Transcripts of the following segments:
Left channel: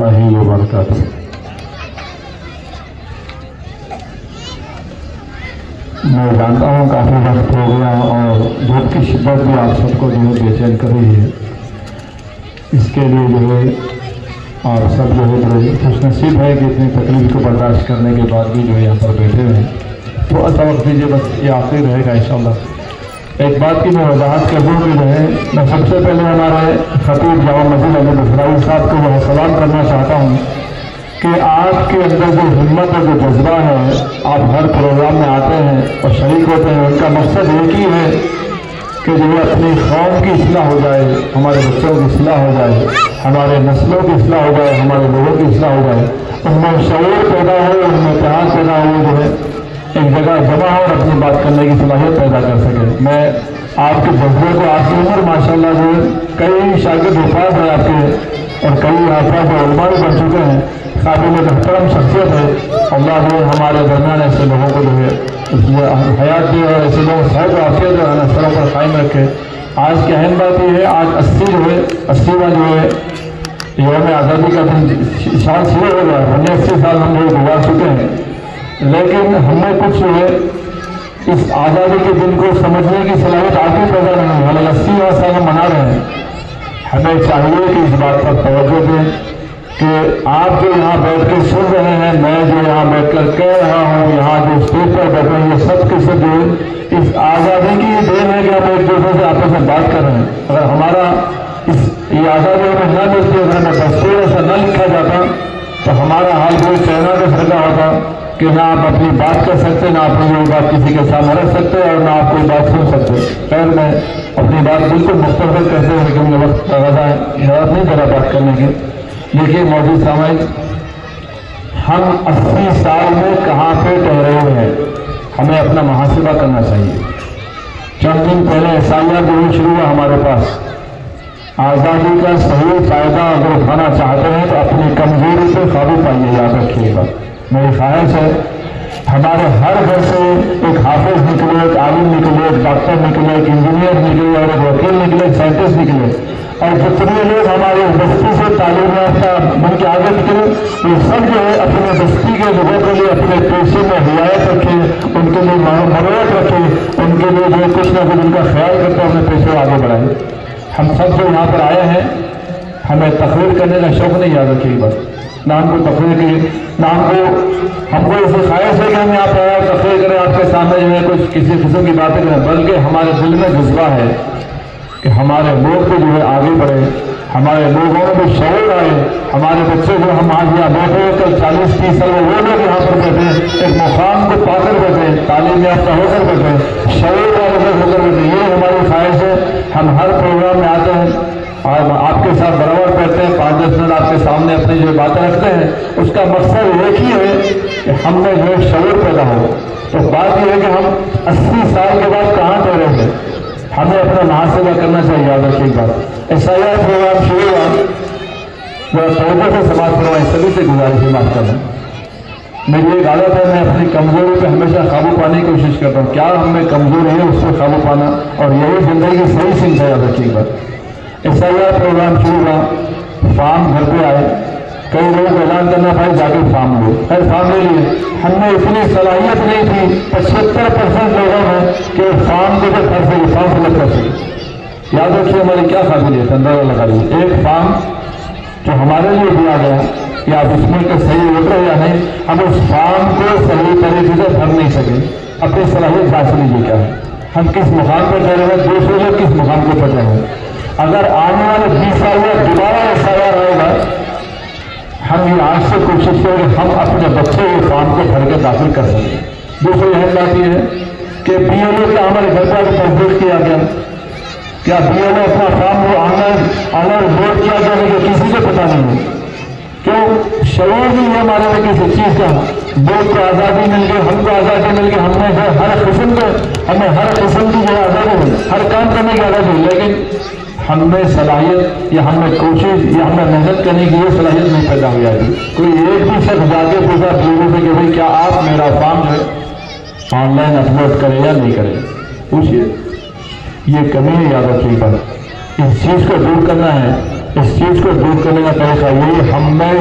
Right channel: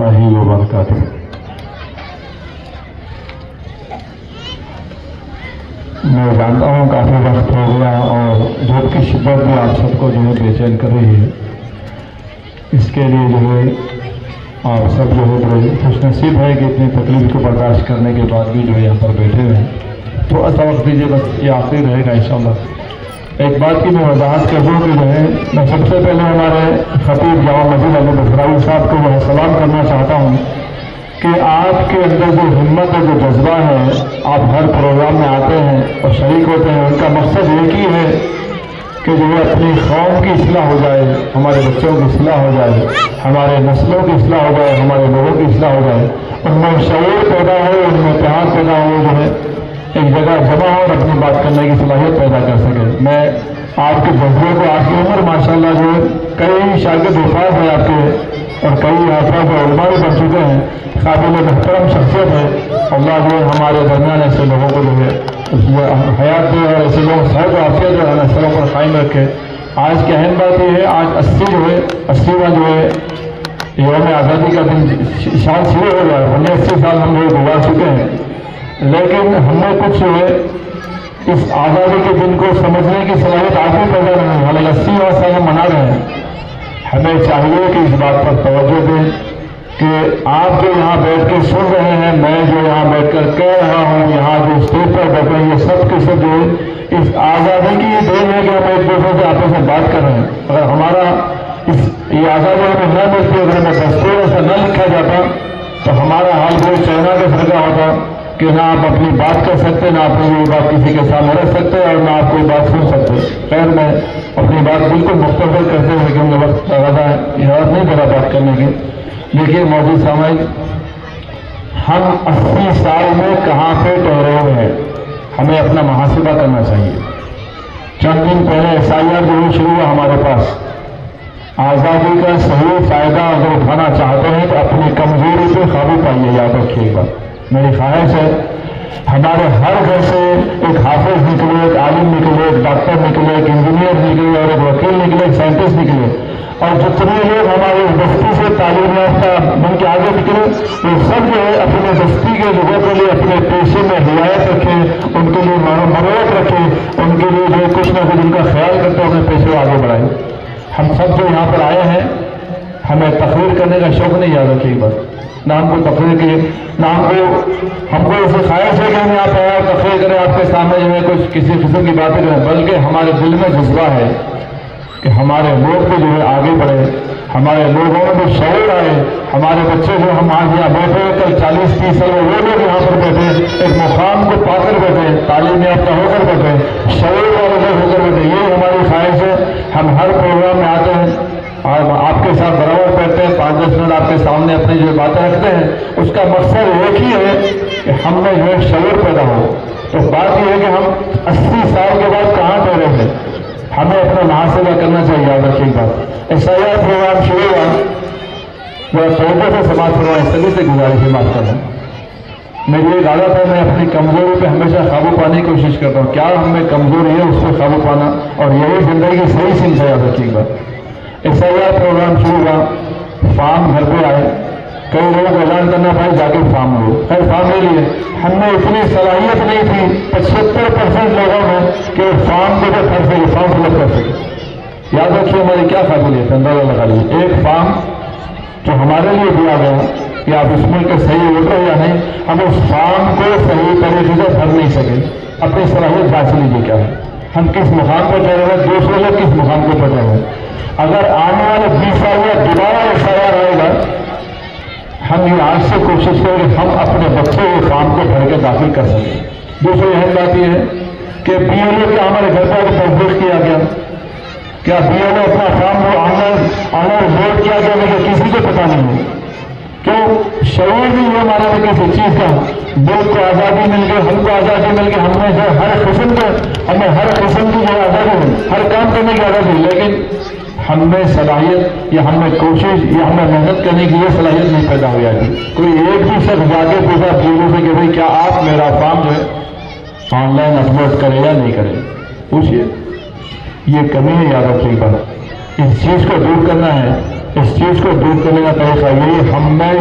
وبرکاتہ۔ میں جانتا ہوں کافی وقت ہو گیا اور دھوپ کی شدت بھی آپ سب کو جو ہے بے چین کر رہی ہے، اس کے لیے جو ہے اور سب جو ہے بڑے خوش نصیب ہے کہ اتنی تکلیف کو برداشت کرنے کے بعد بھی جو ہے یہاں پر بیٹھے ہوئے ہیں۔ تھوڑا سا وقت دیجیے، بس یہ آخری رہے گا انشاءاللہ۔ ایک بات کی میں وضاحت کر دوں کہ جو ہے میں سب سے پہلے ہمارے خطیب جامع مسجد احمد اسرائیل صاحب کو میں سلام کرنا چاہتا ہوں کہ آپ کے اندر جو ہمت اور جو جذبہ ہے، آپ ہر پروگرام میں آتے ہیں اور شریک ہوتے ہیں، ان کا مقصد ایک ہی ہے کہ جو ہے اپنی قوم کی اصلاح ہو جائے، ہمارے بچوں کی اصلاح ہو جائے، ہمارے نسلوں کی اصلاح ہو جائے، ہمارے لوگوں کی اصلاح ہو جائے، ان میں شعور پیدا ہو، ان میں اتحاد پیدا ہو، جو ہے ایک جگہ جمع ہو اور اپنی بات کرنے کی صلاحیت پیدا کر سکے۔ میں آپ کے جذبے کو، آپ کی عمر ماشاءاللہ جو ہے کئی شاگرد وفات ہیں آپ کے، اور کئی افراد جو علماء بھی بن چکے ہیں، قابل محترم شخصیت ہے۔ اللہ جو ہمارے درمیان ایسے لوگوں کو جو ہے اس میں حیات دے اور ایسے لوگ صحت و عافیت جو ہے سڑک پر قائم رکھے۔ آج کی اہم بات یہ ہے، آج 80واں جو ہے یوم آزادی کا دن سال شروع ہو گیا ہے۔ ہم نے 80 سال ہم لوگ گزار چکے ہیں، لیکن ہم نے کچھ جو ہے اس آزادی کے دن کو سمجھنے کی صلاحیت آج بھی پیدا نہیں ہے۔ حالانکہ 80واں سال منا رہے ہیں۔ ہمیں چاہیے کہ اس بات پر توجہ دیں کہ آپ جو یہاں بیٹھ کے سن رہے ہیں، میں جو یہاں بیٹھ کر کہہ رہا ہوں، یہاں جو اسٹیج پر بیٹھ رہے ہیں، یہ سب کے سب جو ہے اس آزادی کی یہ دین ہے کہ ہم ایک دوسرے سے آپس میں بات کر رہے ہیں۔ اگر ہمارا یہ آزادی میں نہ ملتی، اگر ہمیں دستور سے نہ لکھا جاتا تو ہمارا حال جو چائنا کا سرکا ہوتا کہ نہ آپ اپنی بات کر سکتے، نہ اپنی کوئی بات کسی کے سامنے رکھ سکتے، اور نہ آپ کوئی بات سن سکتے۔ خیر میں اپنی بات بالکل مختصر کرتے ہوئے کہ مجھے وقت زیادہ اجازت نہیں کرا بات کرنے کی۔ دیکھیے موجود سامعین، ہم 80 سال میں کہاں پہ ٹھہرے ہوئے ہیں، ہمیں اپنا محاسبہ کرنا چاہیے۔ چند دن پہلے ایسا جو شروع ہوا ہمارے پاس، آزادی کا صحیح فائدہ اگر اٹھانا چاہتے ہیں تو اپنی کمزوری پہ قابو پائیے، یاد رکھیے گا۔ میری خواہش ہے ہمارے ہر گھر سے ایک حافظ نکلے، ایک عالم نکلے، ایک ڈاکٹر نکلے، ایک انجینئر نکلے، اور ایک وکیل نکلے، ایک سائنٹسٹ نکلے، اور جتنے لوگ ہماری بستی سے تعلیم یافتہ بن کے آگے نکلے، وہ سب جو ہے اپنے بستی کے لوگوں کے لیے اپنے پیشے میں رعایت رکھے، ان کے لیے مروت رکھے، ان کے لیے جو کچھ نہ کچھ ان کا خیال کرتے اپنے پیشے کو آگے بڑھائے۔ ہم سب جو یہاں پر آئے ہیں، ہمیں تقریر کرنے کا شوق نہیں، یاد رکھیے گا۔ نام کو تقریر کے نام کو ہم کو اسے خواہش ہے کہ ہم یہاں پر تقریر کریں، آپ کے سامنے جو ہے کچھ کسی قسم کی باتیں کریں، بلکہ ہمارے دل میں جذبہ ہے کہ ہمارے لوگ بھی جو ہے آگے بڑھے، ہمارے لوگوں میں شعور آئے، ہمارے بچے جو ہم آج یہاں بیٹھے کل 40-30 سال وہ لوگ یہاں پر بیٹھے، ایک مقام کو پا کر بیٹھے، تعلیم یافتہ ہو کر بیٹھے، شعور والے ہو کر بیٹھے۔ یہ ہماری خواہش ہے۔ ہم ہر پروگرام میں آتے ہیں، آپ کے ساتھ برابر کرتے ہیں، 5-10 منٹ آپ کے سامنے اپنی جو باتیں رکھتے ہیں، اس کا مقصد ایک ہی ہے کہ ہم میں جو شعور پیدا ہو۔ تو بات یہ ہے کہ ہم 80 سال کے بعد کہاں ٹھہرے ہیں، ہمیں اپنا محاسبہ کرنا چاہیے، یاد رکھیے گا۔ ایسا پروگرام شروع ہوا، میرا توبہ سے سماج کروائی، سبھی سے گزارش ہے، معاف کرنا۔ میری ایک عادت ہے، میں اپنی کمزوری پہ ہمیشہ قابو پانے کی کوشش کرتا ہوں۔ کیا ہمیں کمزوری ہے اس پہ قابو پانا، اور یہی زندگی کی صحیح سمت ہے، یاد رکھیے گا۔ ایسا پروگرام شروع ہوا، فارم گھر پہ آئے، کئی لوگ اعلان کرنا پڑے جا کے فارم لے، فارم لے لیے۔ ہم نے اتنی صلاحیت نہیں تھی 75% لوگوں میں کہ فارم دے کر پڑھ سکے، فارم فل اپ کر سکے۔ یاد رکھیے ہماری کیا قابلیت ہے، اندازہ لگا لیجیے۔ ایک فارم جو ہمارے لیے دیا گیا کہ آپ اس میں کے صحیح ہوتے یا نہیں، ہم اس فارم کو صحیح طریقے سے بھر نہیں سکے۔ اپنی صلاحیت جانچ لیجیے کیا ہے، ہم کس مقام پر ٹھہرے ہوئے، دوسرے لوگ کس مقام پہ ٹھہرے ہوئے۔ اگر آنے والے 20 سال میں دوبارہ ایسا رہے گا، ہم یہ آج سے کوشش کریں کہ ہم اپنے بچے کے فارم کو بھر کے داخل کر سکیں۔ دوسری اہم بات یہ ہے کہ بی ایل او کا ہمارے گھر پر تصدیق کیا گیا، کیا بی ایل او اپنا فارم کو آنر ووٹ کیا گیا کہ کسی کو پتا نہیں ہو؟ کیوں شعور نہیں ہے ہمارے میں کسی چیز کا؟ ووٹ کو آزادی مل گئی، ہم کو آزادی مل گئی، ہم نے ہر قسم کا ہمیں ہر قسم کی آزادی، ہر کام کرنے کی آزادی، لیکن ہم میں صلاحیت یا ہم نے کوشش یا ہمیں محنت کرنے کی یہ صلاحیت نہیں پیدا ہو جاتی۔ کوئی ایک بھی شخص جا کے پوچھا لوگوں سے کہ بھائی کیا آپ میرا فارم ہے آن لائن اپلوڈ کریں یا نہیں کریں، پوچھیے۔ یہ کمی ہے، یاد رکھیے گا۔ اس چیز کو دور کرنا ہے، اس چیز کو دور کرنے کا طریقہ یہی ہم میں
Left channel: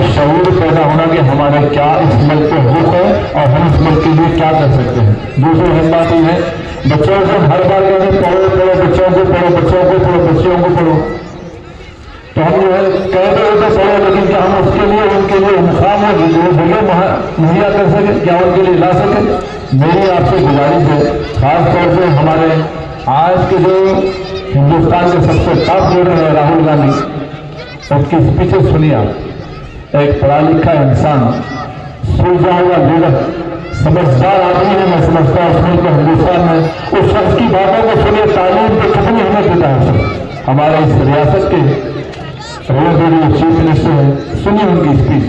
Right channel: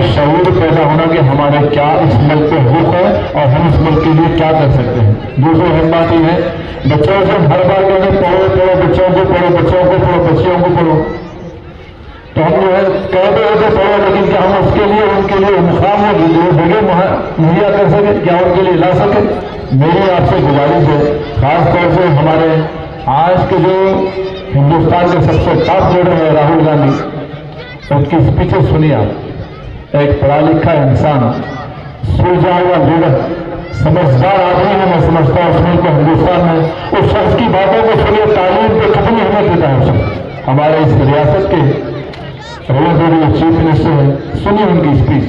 دوسرے ہماتی ہے بچوں سے ہر بار پڑھو بچوں کو پڑھو بچوں کو پڑھو تو ہم جو ہے کہتے ہوتے پڑھو لیکن کیا ہم اس کے لیے ان کے لیے مقام ہے جو بھگے مہیا کر سکیں کیا ان کے لیے لا سکیں؟ میری آپ سے گزارش ہے خاص طور سے ہمارے آج کے جو ہندوستان کے سب سے ٹاپ لیڈر ہے راہل گاندھی ان کی اسپیچیں سنیے آپ ایک پڑھا لکھا انسان سوچا ہوا لیڈر سمجھدار آدمی ہے میں سمجھتا ہوں اس کے ہندوستان میں اس شخص کی باتوں کو سنیے تعلیم کو کتنی اہمیت دیتا ہے ہمارے اس ریاست کے چیف منسٹر ہیں سنیے ان کی اسپیچ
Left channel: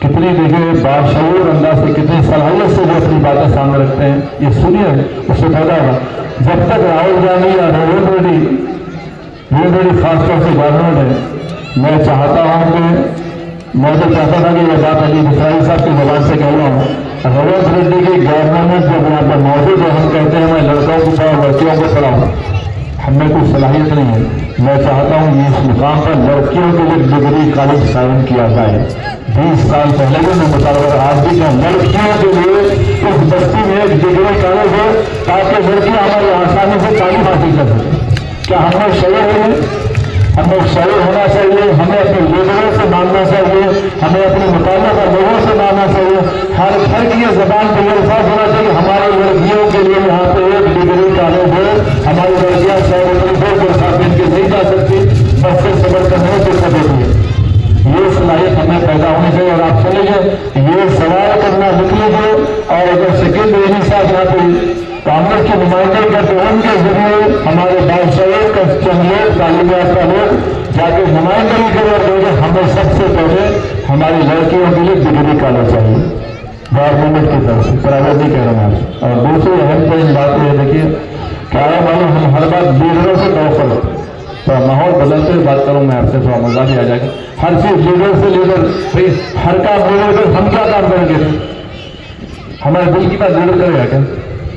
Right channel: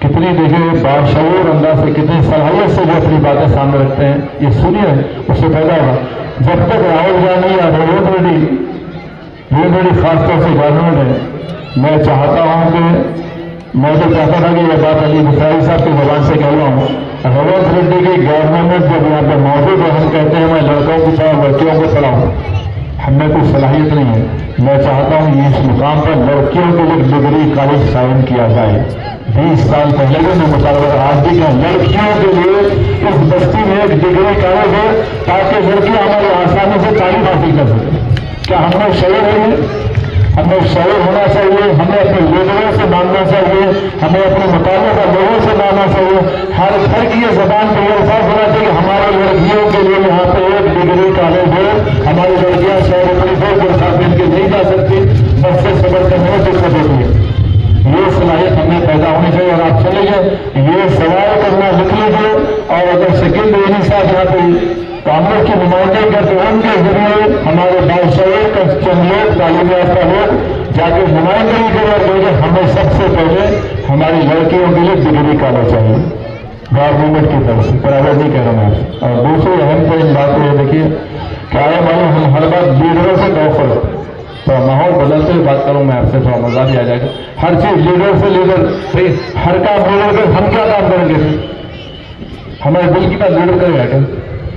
کتنی دیکھیں باشعور انداز سے کتنی صلاحیت سے جو اپنی باتیں سامنے رکھتے ہیں یہ سنیے اس سے پیدا ہوا جب تک راہل گاندھی یا ریونت ریڈی خاص طور سے گورنمنٹ ہے میں چاہتا ہوں کہ میں تو چاہتا تھا کہ یہ بات علی بخاری صاحب کی زبان سے کہہ رہا ہوں ریونت ریڈی کی گورنمنٹ جب یہاں پر موجود ہے ہم کہتے ہیں میں لڑکوں کی طرح بچیوں کو پڑھاؤں ہم میں کوئی صلاحیت نہیں ہے میں چاہتا ہوں کہ اس مقام پر لڑکیوں کے لیے ڈگری کالج قائم کیا جائے 20 سال پہلے بھی میں مطالبہ آج بھی کہ لڑکیوں کے لیے اس بستی میں ایک ڈگری کالج ہے تاکہ لڑکیاں ہماری آسانی سے تعلیم حاصل کر سکیں کیا ہمیں شعور ہے ہمیں شعور ہونا چاہیے ہمیں اپنے لیڈروں سے ماننا چاہیے ہمیں اپنے مطالبہ لوگوں سے ماننا چاہیے ہر گھر کی یہ زبان پہ یہ الفاظ ہونا چاہیے ہماری لڑکیوں کے لیے یہاں پہ ایک ڈگری کالج ہے ہماری لڑکیاں کے نہیں جا سکتی بس سے صبر کا نہیں کر سکتی یہ صلاحیت ہمیں پیدا ہونی چاہیے اور آپ چلے گئے یہ سوال کرنا لکھ لیجیے اور اگر شکیل رحمی صاحب یہاں پہ کانگریس کے نمائندے کا تو ان کے ذریعے ہمارے بادشاہ کا چندر تعلیم یافتہ لوگ جا کے نمائندگی کے بعد ہمیں سب سے پہلے ہماری لڑکیوں کے لیے ڈگری نکالنا چاہیے گورنمنٹ کی طرف سے پرائیویٹ نہیں کہہ رہا ہوں اور دوسری اہم ترین بات یہ دیکھیے کیا ہم ہر بات لیڈروں سے بہت تھوڑا ماحول بدلتے ہوئے بات کروں میں آپ سے تھوڑا مزہ بھی آ جائے گا ہر چیز لیڈر سے لیڈر ہر کام لیڈر پہ ہم کیا کام کریں گے ہمارے بل کی بات لیڈر کرے گا کیا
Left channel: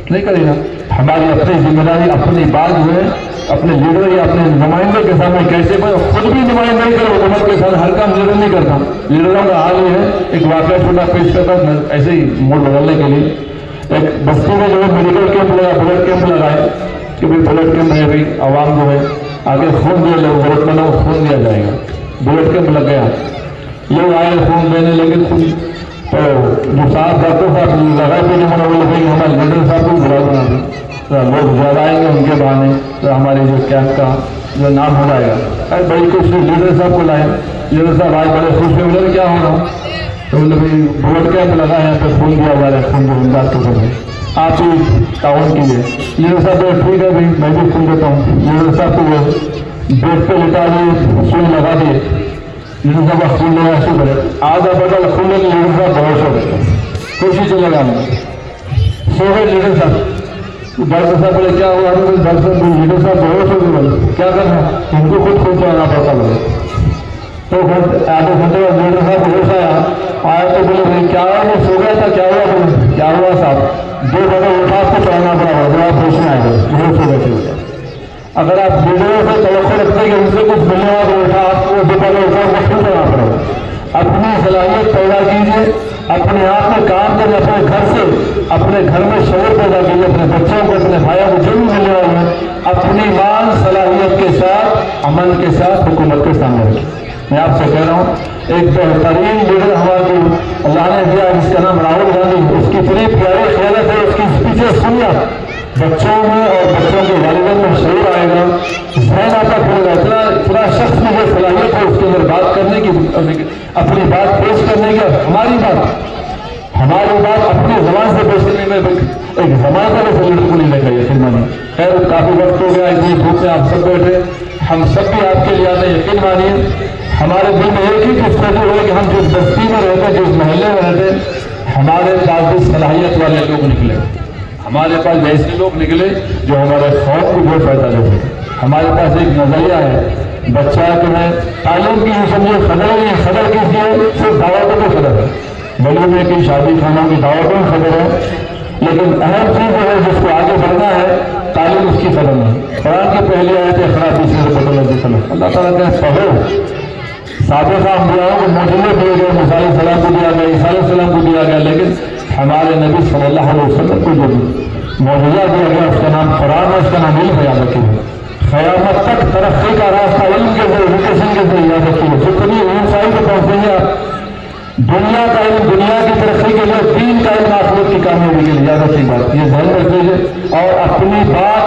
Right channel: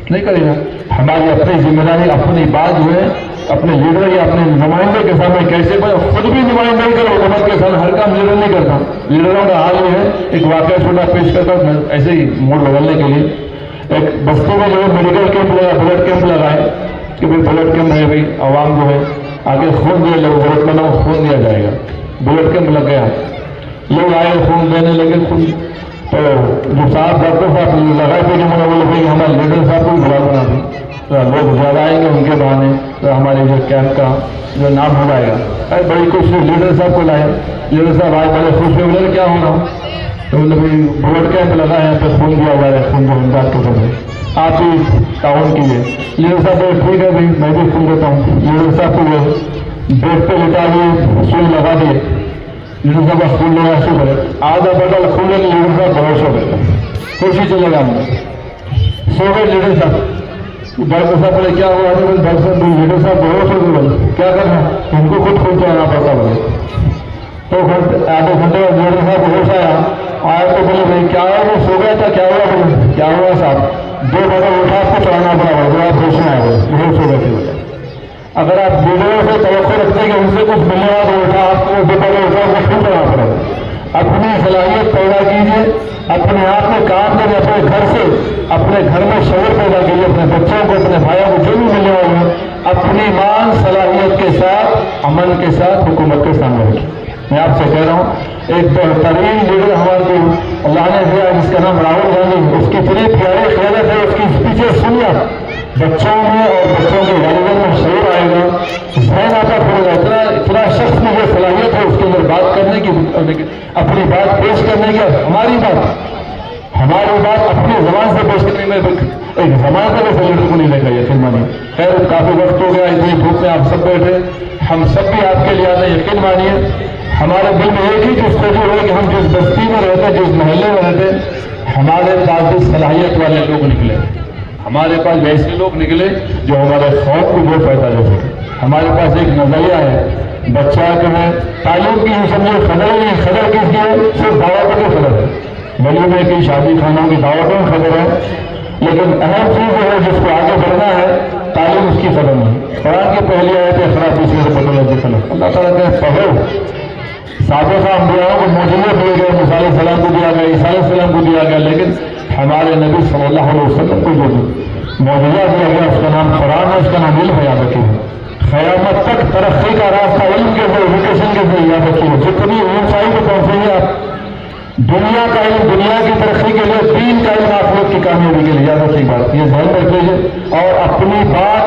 نہیں کرے گا ہماری اپنی ذمہ داری اپنی بات جو ہے اپنے لیڈر یا اپنے نمائندوں کے سامنے کیسے خود بھی نمائندگی کرو حکومت کے ساتھ ہر کام لیڈر نہیں کرتا لیڈروں کا حال یہ ہے ایک واقعہ چھوٹا پیش کرتا ہوں ایسے ہی موڈ بدلنے کے لیے ایک بستی میں جو ہے میڈیکل کیمپ لگا بلڈ کیمپ لگایا کہ بلڈ کیمپ میں بھی عوام جو ہے آگے خون دیا لوگ بلڈ کرنا خون دیا جائے گا بلڈ کیمپ لگ گیا لوگ آئے خون دینے لگے خون تو جو صاحب ڈاکٹر صاحب لگائے تھے ہمارے لیڈر صاحب کو بلا رہا تھا لوگ زیادہ آئیں گے ان کے بہانے تو ہمارے جو کیمپ کا جو نام ہو جائے گا ارے بڑی کچھ لیڈر صاحب کو لایا لیڈر صاحب آج بڑے خوش ہوئے بولے کیا ہوگا تو بلڈ کیمپ لگا ہے تو خون دیا جا رہا ہے خون بات کے سمجھے آپ ہی تعاون کیجیے لیڈر صاحب ٹھیک ہے بھائی میں بھی سن دیتا ہوں لیڈر صاحب کو بیڈ پہ لٹا ہوئے سون لگا دیے لیڈر صاحب کا خون لگا شروع کرے آدھا بدل خون لگے لیڈر صاحب بہت شو کوشش سے لگانا سو گئے لیڈر صاحب ڈاکٹر صاحب بولے کیا ہوا ڈاکٹر صاحب لیڈر صاحب بہت شو کیا کرنا ان کو خود سوچا آنا پڑتا بولے تو آدھے گھنٹے کا لیڈر صاحب ہوش آیا تو بولے بھائی کیا وہ سو گیا تھا کیا ہوا صاحب 2 بجے اٹھا آپ کو چلانا پڑا اگر آپ ہوش میں آئے گا بہت سے بچے اگر آپ لیڈروں سے توقع رکھتے ہیں کہ ان سے کچھ ملنے والا اٹھا آپ کو 2 بجے اٹھا خود کرنا پڑے گا اپنی صلاحیت پیدا کیجیے اپنے آپ میں کام کریں اپنے گھر سے اپنے گھر میں شعور پیدا کیجیے اپنے بچوں کو اپنے بھائیوں کو جو بھی ملنے والا ہے اپنی مان صلاحیت کے ساتھ عمل کے ساتھ حکومت کے سامنے رکھیں میں آپ سے کہہ رہا ہوں ایک بہترین لیڈر ہمارے اللہ نے دیا جس کا نام راہل گاندھی اس کی اتنی پیاری خیالت ہے اس کی اسپیچیں سنیا بچوں میں اور بچوں کے والدین میں شعور آئے گا ذہن آپ کا کھلے گا اتنا شخص میں جو صلاحیت ہے اس کے اندر بات کرنے کی اپنی بات پیش کرنے کی ہماری بات اپنی زبان سے پیش کرنے میں ایک زبان کا بھی لیڈر کو نہیں لے گا یقین مانی خیر کافی وقت ہو گیا اتنی دھوپ سے آپ سب بیٹھے ہم سب بھی آپ کے لیے آتے یقین مانیے ہمارے دل میں ایک ہی جستجو ہے کہ ہم جس بستی میں رہتے جس محلے میں رہتے ہمارے پاس بھی صلاحیت والے لوگ نکلے ہمارے پاس ایسے لوگ نکلے جو ہمارا خوف بھی بہت پیدا ہو ہمارے پاس ایک نظریہ ہے بچہ جو ہے تعلیم کی سمجھے فضل کس کی ہے صرف دعوتوں کی فضل ہے ملک میں کی شادی خانہ کی دعوتوں کی فضل ہے لیکن اہم چیز ہے جس کو آگے بڑھنا ہے تعلیم اس کی فضل ہے قرآن کی پہلی آیت ہے خرابی سے اللہ تعالیٰ نے پڑھو سابقہ انبیاء کو معجزے دیے گئے موسیٰ علیہ السلام کو دیا گیا عیسیٰ علیہ السلام کو دیا گیا لیکن ہمارے نبی صلی اللہ علیہ وسلم کو